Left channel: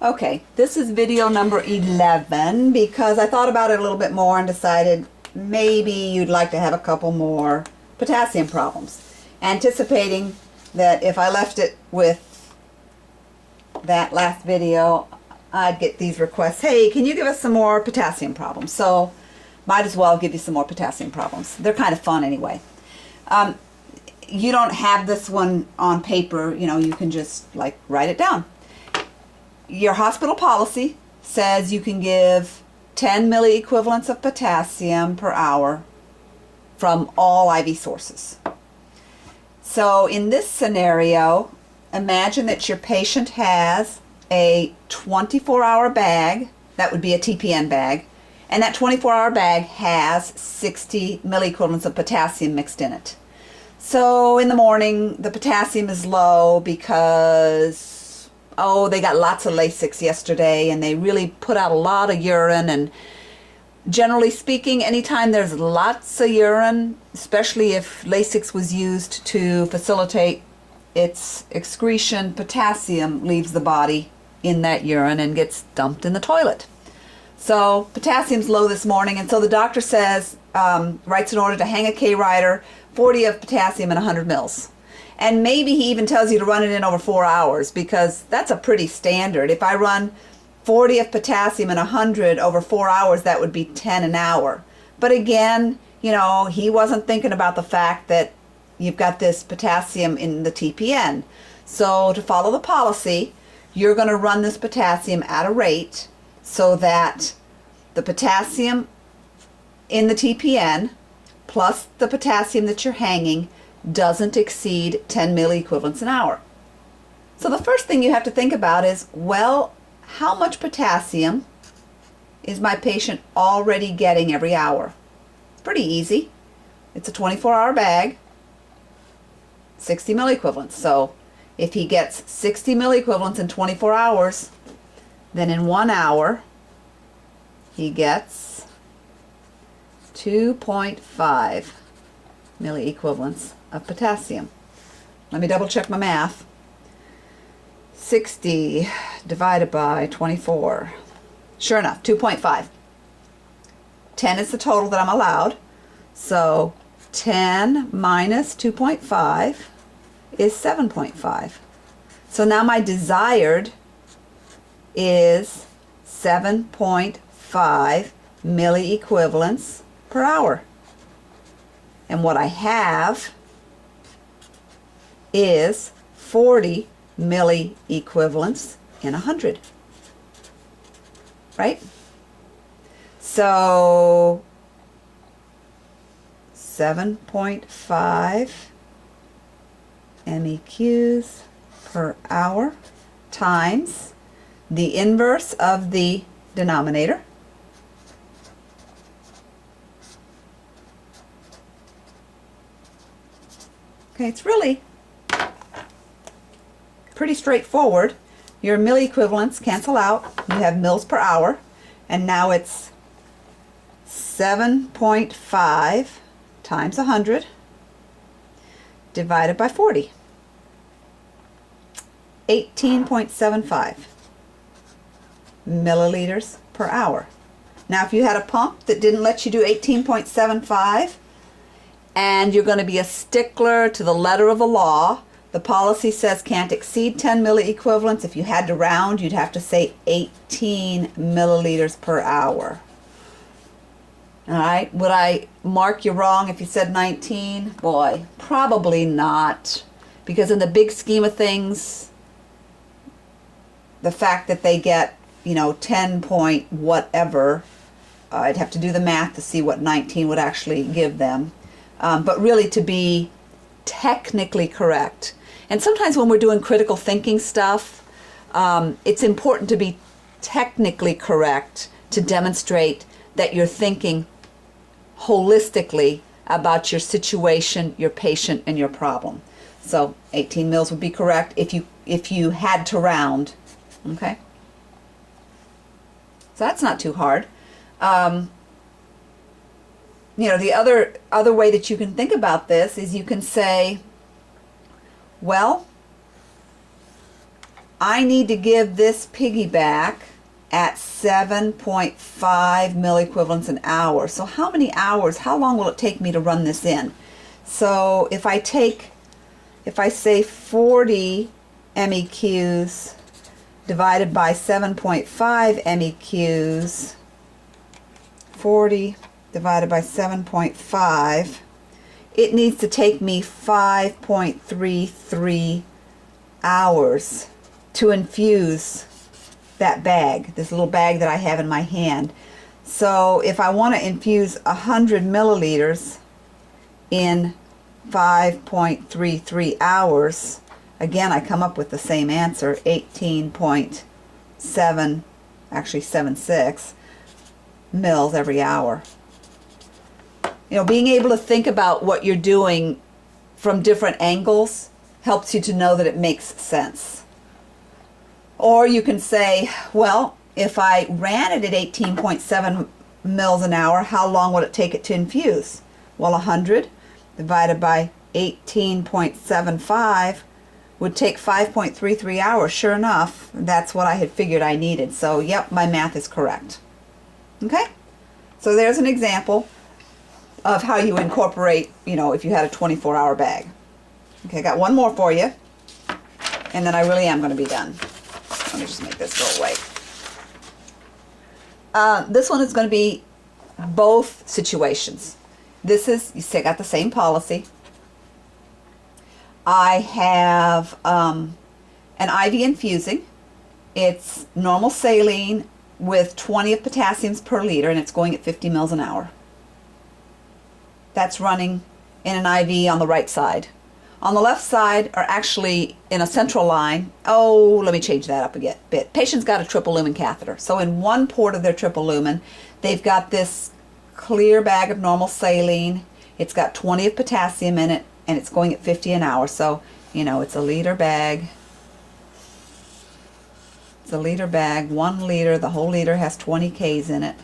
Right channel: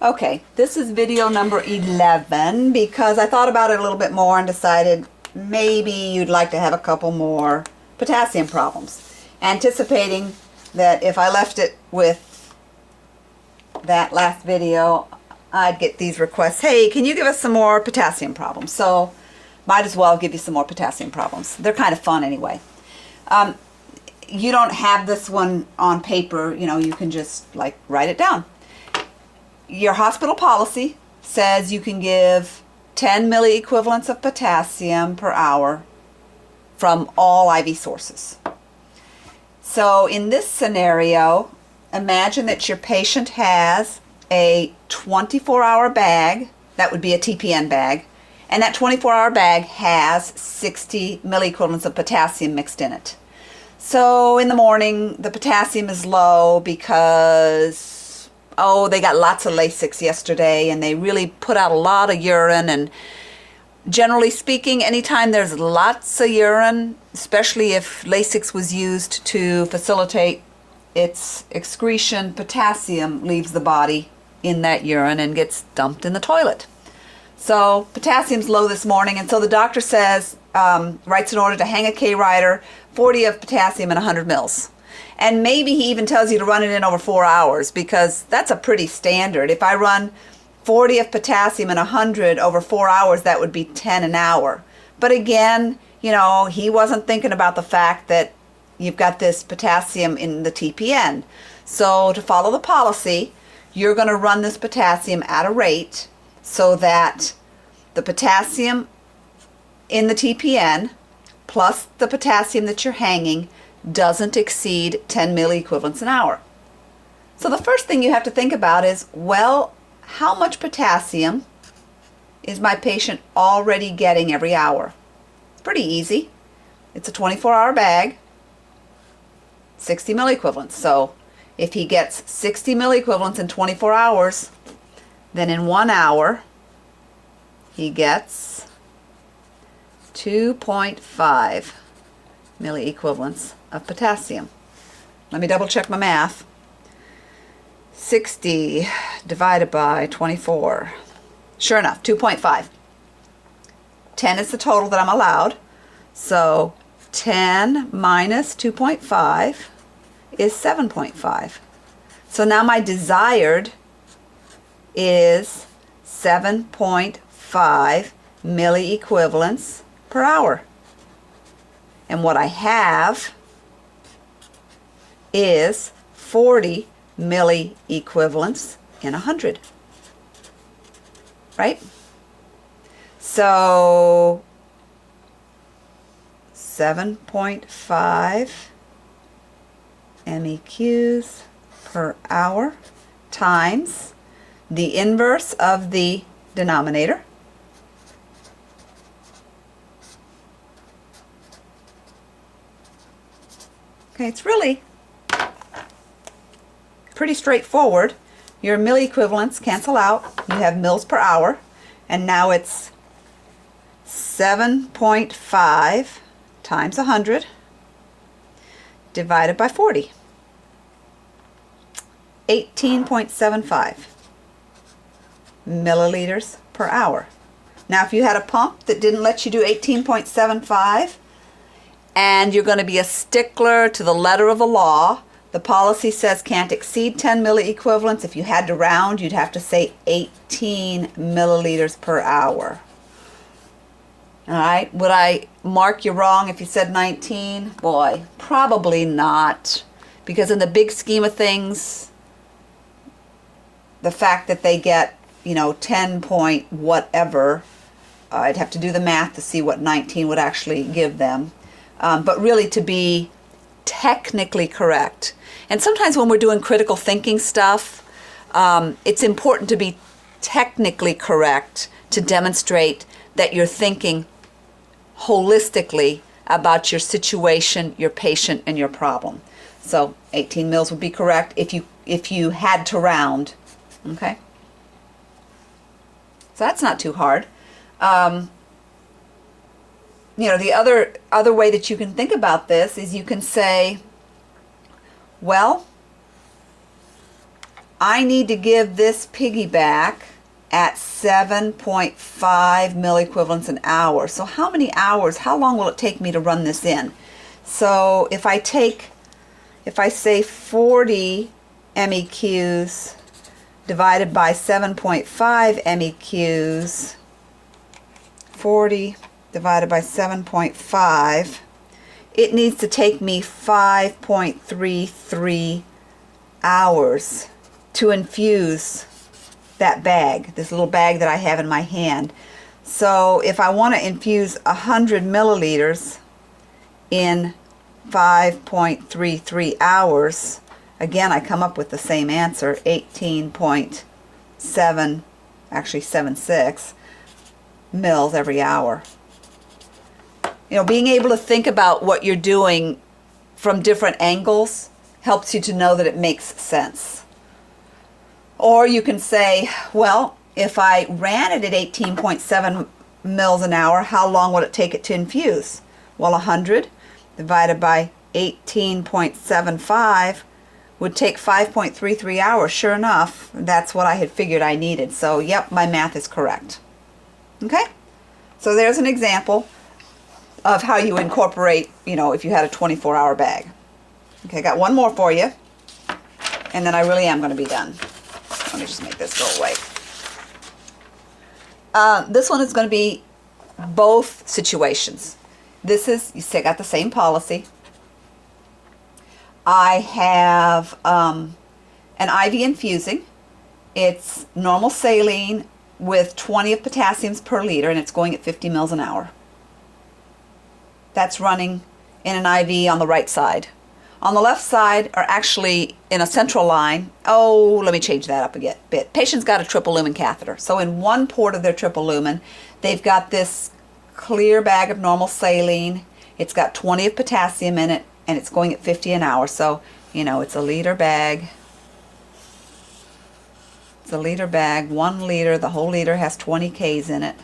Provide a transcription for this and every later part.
Okay, this is video number 11 because I thought about it a little bit more and decided maybe you'd like to have a couple more potassium problems. Anticipating that if I left it with that last video, I'd get these requests, hey, can you give us some more potassium problems? So might as well give you some more potassium problems. They're kind of fun anyway. You don't have this one on paper, you can just like write it down. Your hospital policy says you can give 10 milliequivalents of potassium per hour from all IV sources. So in this scenario, imagine that your patient has a 24-hour bag, that would be a TPN bag, and that 24-hour bag has 60 milliequivalents of potassium mixed in it. So in the morning, the potassium is low because they got lots of Lasix yesterday and they really put out a lot of urine. And generally speaking, anytime there's lots of urine, especially if Lasix was used to facilitate its excretion, potassium leaves the body in that urine and gets dumped in the toilet. So potassium's low this morning, and so the doctor says, writes an order to hang a K-Rider, 40 of potassium and 100 mils. And maybe he even tells you to run it in over 4 hours, because that's a pretty standard. If I run 40 of potassium and 100 over 4 hours, that would be 10 an hour. But again, he wasn't thinking about the fact that you've got this potassium in the TPN. So to follow the policy, you're going to run this potassium at a rate so that the potassium in the TPN plus the potassium that you're hanging doesn't exceed 10 milliequivalents an hour. So the first thing you have to think about is, well, how much potassium is my patient already getting every hour? It's pretty easy. It's a 24-hour bag, 60 milliequivalents. So if he gets 60 milliequivalents in 24 hours, then in 1 hour he gets 2.5 milliequivalents of potassium. Let me double check my math. 60 divided by 24. Sure enough, 2.5. 10 is the total that I'm allowed. So 10 minus 2.5 is 7.5. So now my desired is 7.5 milliequivalents per hour. And what I have is 40 milliequivalents in 100. Right? So 7.5 MEQs per hour times the inverse of the denominator. Okay, it's really pretty straightforward. Your milliequivalents cancel out. You have mils per hour. And now it's 7.5 times 100 divided by 40. 18.75 milliliters per hour. Now, if you had a pump that didn't let you do 18.75, and you're going to be a stickler to the letter of the law, the policy says can't exceed 10 milliequivalents. If you had to round, you'd have to say 18 milliliters per hour. All right, would I mark you wrong if you said 19? Boy, probably not. Because in the big scheme of things, the fact that they get, 10 point whatever, I'd have to do the math to see what 19 would actually give them. But really to be technically correct. And sometimes when we're doing critical thinking stuff, it's important to be technically correct to demonstrate that you're thinking holistically about your situation, your patient, and your problem. So 18 mils would be correct if you had to round. Okay? So that's not too hard. The other way that you can think about this is you can say, well, I need to give this piggyback at 7.5 milliequivalents an hour. So how many hours, how long will it take me to run this in? So if I say 40 MEQs divided by 7.5 MEQs, 40 divided by 7.5, it needs to take me 5.33 hours to infuse that bag, this little bag that I have in my hand. So if I want to infuse 100 milliliters in 5.33 hours, again, I come up with the same answer, 18.7, actually 76 mils every hour. You know, being able to think about what you're doing from different angles helps you to know that it makes sense. Or you can say, well, if I ran it at 18.7 mils an hour, how long would it take it to infuse? Well, 100 divided by 18.75 would take 5.33 hours. Sure enough, that's what I had figured I needed. So, yep, my math is correct. Okay? So there's an example of how you incorporate, you know, if you had a 24-hour bag. Okay, I got one more for you, and then I really am going to be done. Let me just make this go away. This one is going to be both situations. This is, you see, I got the same policy. I have an IV infusing. It's normal saline with 20 of potassiums per liter, and it's going at 50 mils an hour. That's running in an IV on the right side. On the left side are actually in a central line. Oh, let me change that up a bit. Patient's got a triple lumen catheter. So in one port of their triple lumen, they've got this clear bag of normal saline. It's got 20 of potassium in it, and it's going at 50 an hour. So, you know, it's a liter bag. It's a liter bag, 1 liter. The whole liter has 20 Ks in it,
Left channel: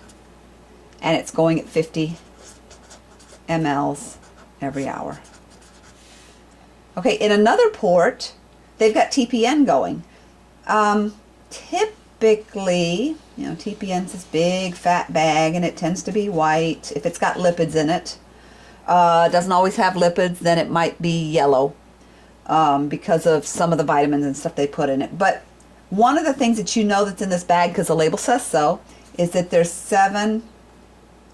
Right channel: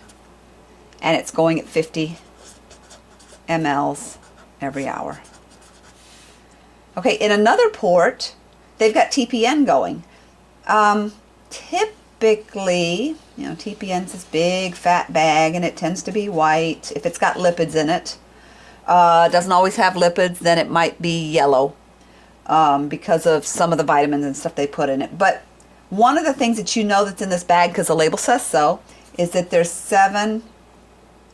and it's going at 50 mLs every hour. Okay, in another port, they've got TPN going. Typically, you know, TPN's this big fat bag, and it tends to be white if it's got lipids in it. Doesn't always have lipids, then it might be yellow because of some of the vitamins and stuff they put in it. But one of the things that you know that's in this bag, because the label says so, is that there's 7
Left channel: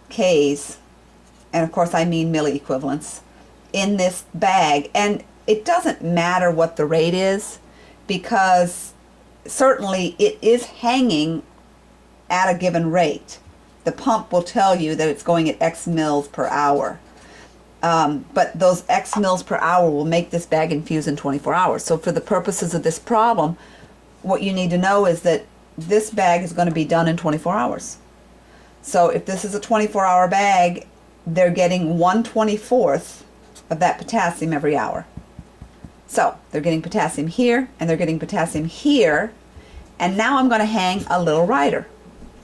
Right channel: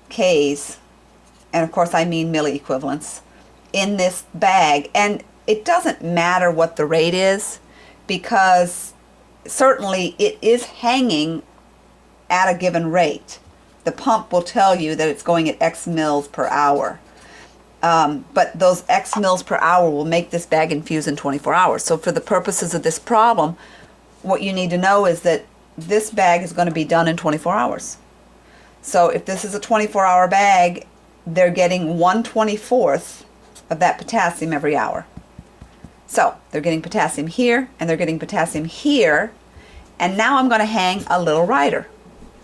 Ks, and of course I mean milliequivalents, in this bag. And it doesn't matter what the rate is, because certainly it is hanging at a given rate. The pump will tell you that it's going at X mils per hour. But those X mils per hour will make this bag infuse in 24 hours. So for the purposes of this problem, what you need to know is that this bag is going to be done in 24 hours. So if this is a 24-hour bag, they're getting 1/24 of that potassium every hour. So they're getting potassium here, and they're getting potassium here, and now I'm going to hang a little rider.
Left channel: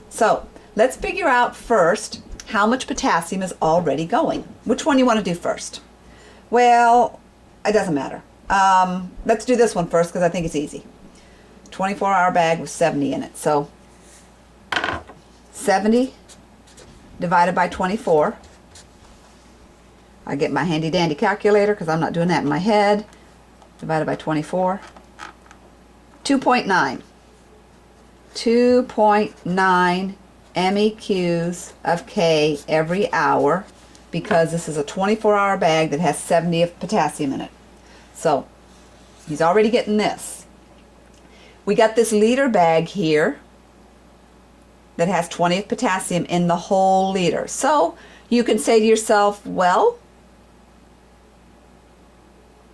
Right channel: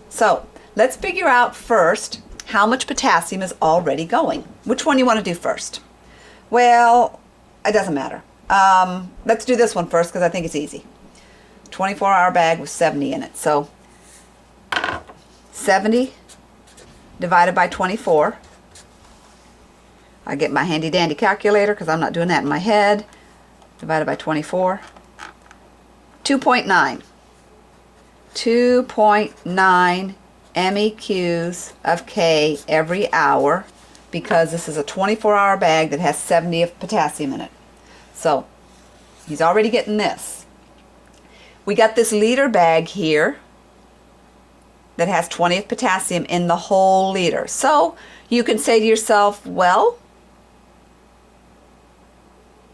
So let's figure out first how much potassium is already going. Which one you want to do first? Well, it doesn't matter. Let's do this one first because I think it's easy. 24-hour bag with 70 in it. So 70 divided by 24. I get my handy dandy calculator because I'm not doing that in my head. Divided by 24. 2.9. 2.9 MEQs of K every hour, because this is a 24-hour bag that has 70 of potassium in it. So he's already getting this. We got this liter bag here that has 20 of potassium in the whole liter. So you can say to yourself, well,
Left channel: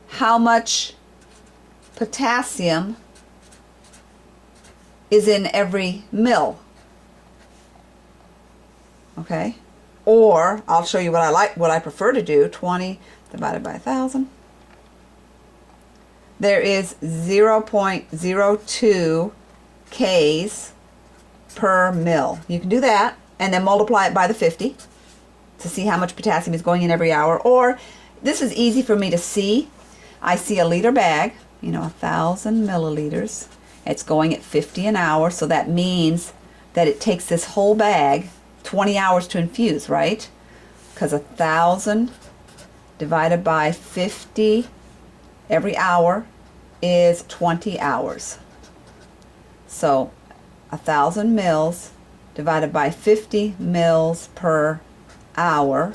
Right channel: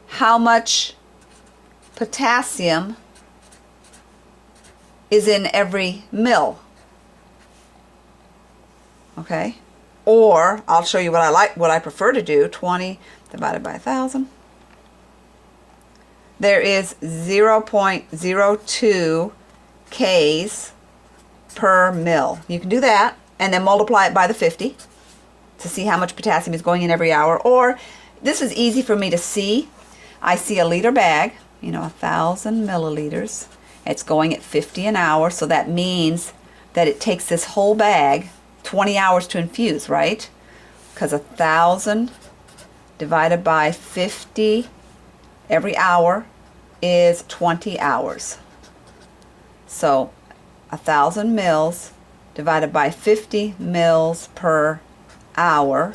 how much potassium is in every mil? Okay, or I'll show you what I prefer to do. 20 divided by 1,000. There is 0.02 Ks per mil. You can do that and then multiply it by the 50 to see how much potassium is going in every hour. Or this is easy for me to see. I see a liter bag, 1,000 milliliters, It's going at 50 an hour, so that means that it takes this whole bag 20 hours to infuse, right? Because 1,000 divided by 50 every hour is 20 hours. So 1,000 mils divided by 50 mils per hour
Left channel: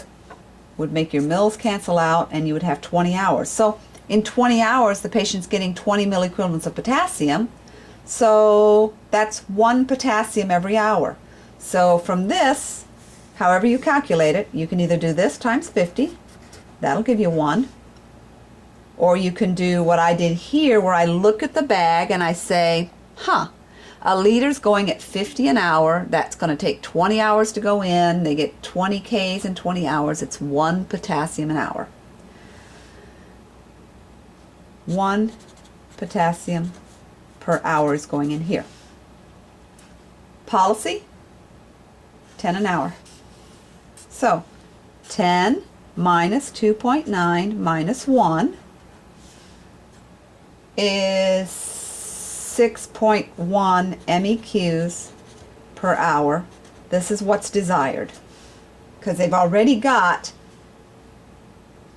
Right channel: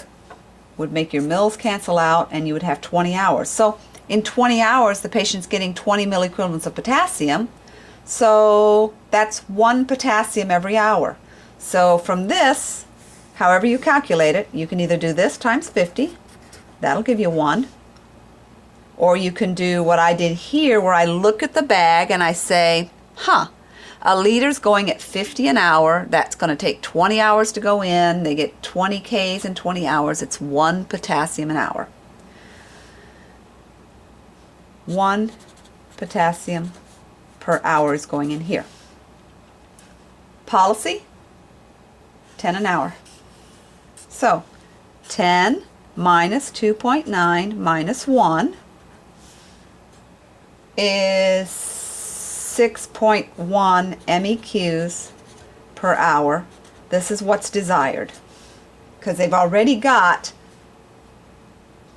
would make your mils cancel out, and you would have 20 hours. So in 20 hours, the patient's getting 20 milliequivalents of potassium. So that's 1 potassium every hour. So from this, however you calculate it, you can either do this times 50, that'll give you 1, or you can do what I did here, where I look at the bag and I say, a liter's going at 50 an hour. That's going to take 20 hours to go in. They get 20 Ks in 20 hours. It's 1 potassium an hour. 1 potassium per hour is going in here. Policy, 10 an hour. So 10 minus 2.9 minus 1 is 6.1 MEQs per hour. This is what's desired, because they've already got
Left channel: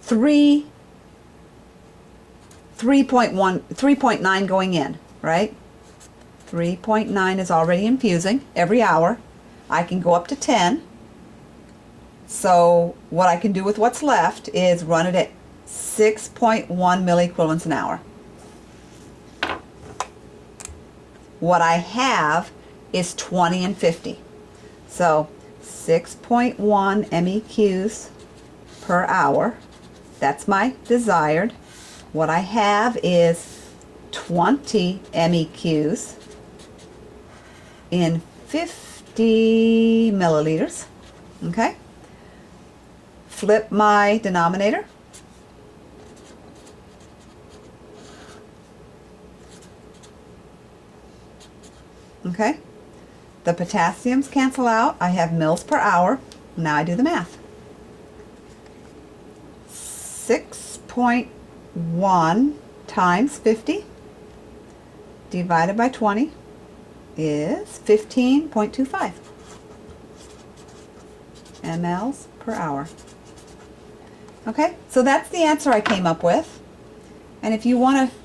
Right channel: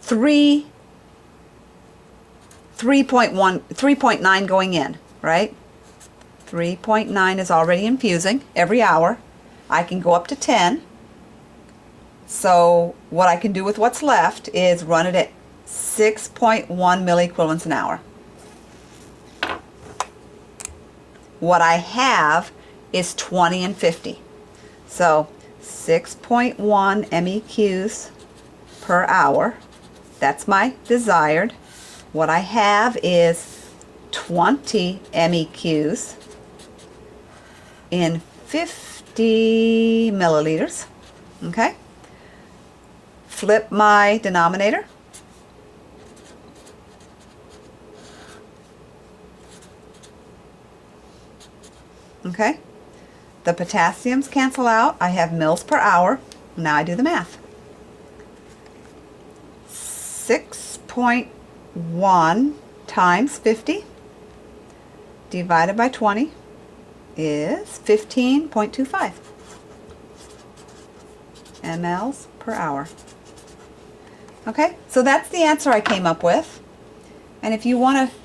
3.9 going in, right? 3.9 is already infusing every hour. I can go up to 10. So what I can do with what's left is run it at 6.1 milliequivalents an hour. What I have is 20 and 50. So 6.1 MEQs per hour. That's my desired. What I have is 20 MEQs in 50 milliliters. Okay? Flip my denominator. Okay? The potassiums cancel out. I have mils per hour. Now I do the math. 6.1 times 50 divided by 20 is 15.25 mLs per hour. Okay, so that's the answer I came up with. And if you want to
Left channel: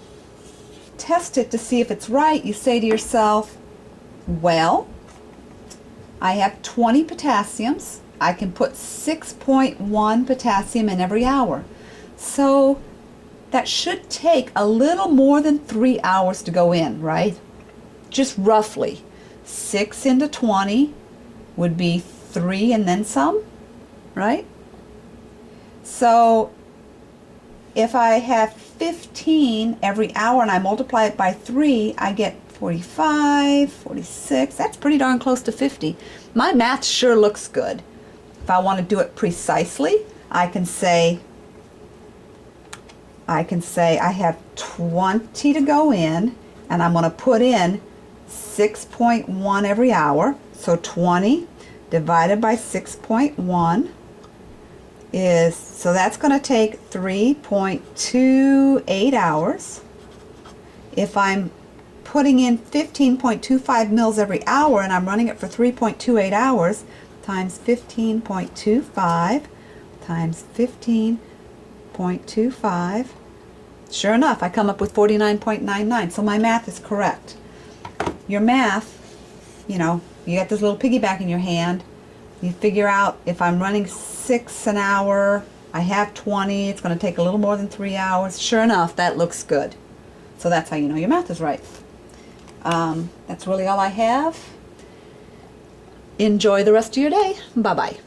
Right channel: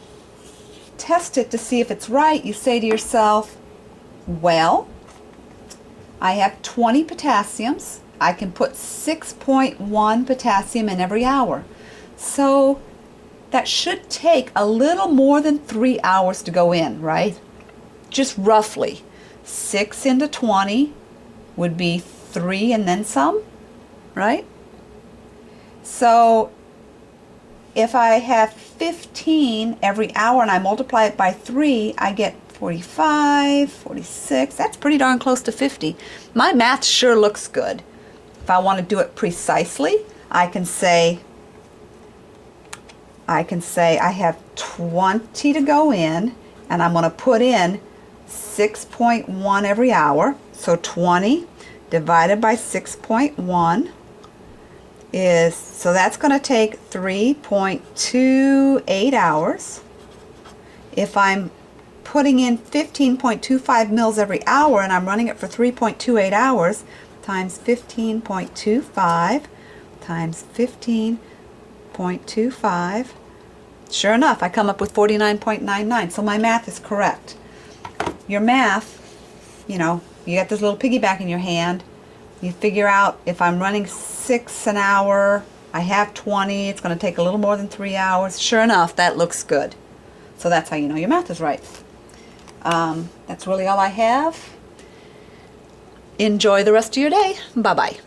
test it to see if it's right, you say to yourself, well, I have 20 potassiums. I can put 6.1 potassium in every hour. So that should take a little more than 3 hours to go in, right? Just roughly. 6 into 20 would be 3 and then some, right? So if I have 15 every hour and I multiply it by 3, I get 45, 46. That's pretty darn close to 50. My math sure looks good. If I want to do it precisely, I can say I have 20 to go in, and I'm going to put in 6.1 every hour. So 20 divided by 6.1 is, so that's going to take 3.28 hours. If I'm putting in 15.25 mils every hour and I'm running it for 3.28 hours, times 15.25 times 15.25, sure enough, I come up with 49.99. So my math is correct. Your math, you know, you got this little piggyback in your hand. You figure out if I'm running 6 an hour, I have 20, it's going to take a little more than 3 hours. Sure enough, that looks good. So that's how you know your math is right. That's really all I have. Enjoy the rest of your day. Bye-bye.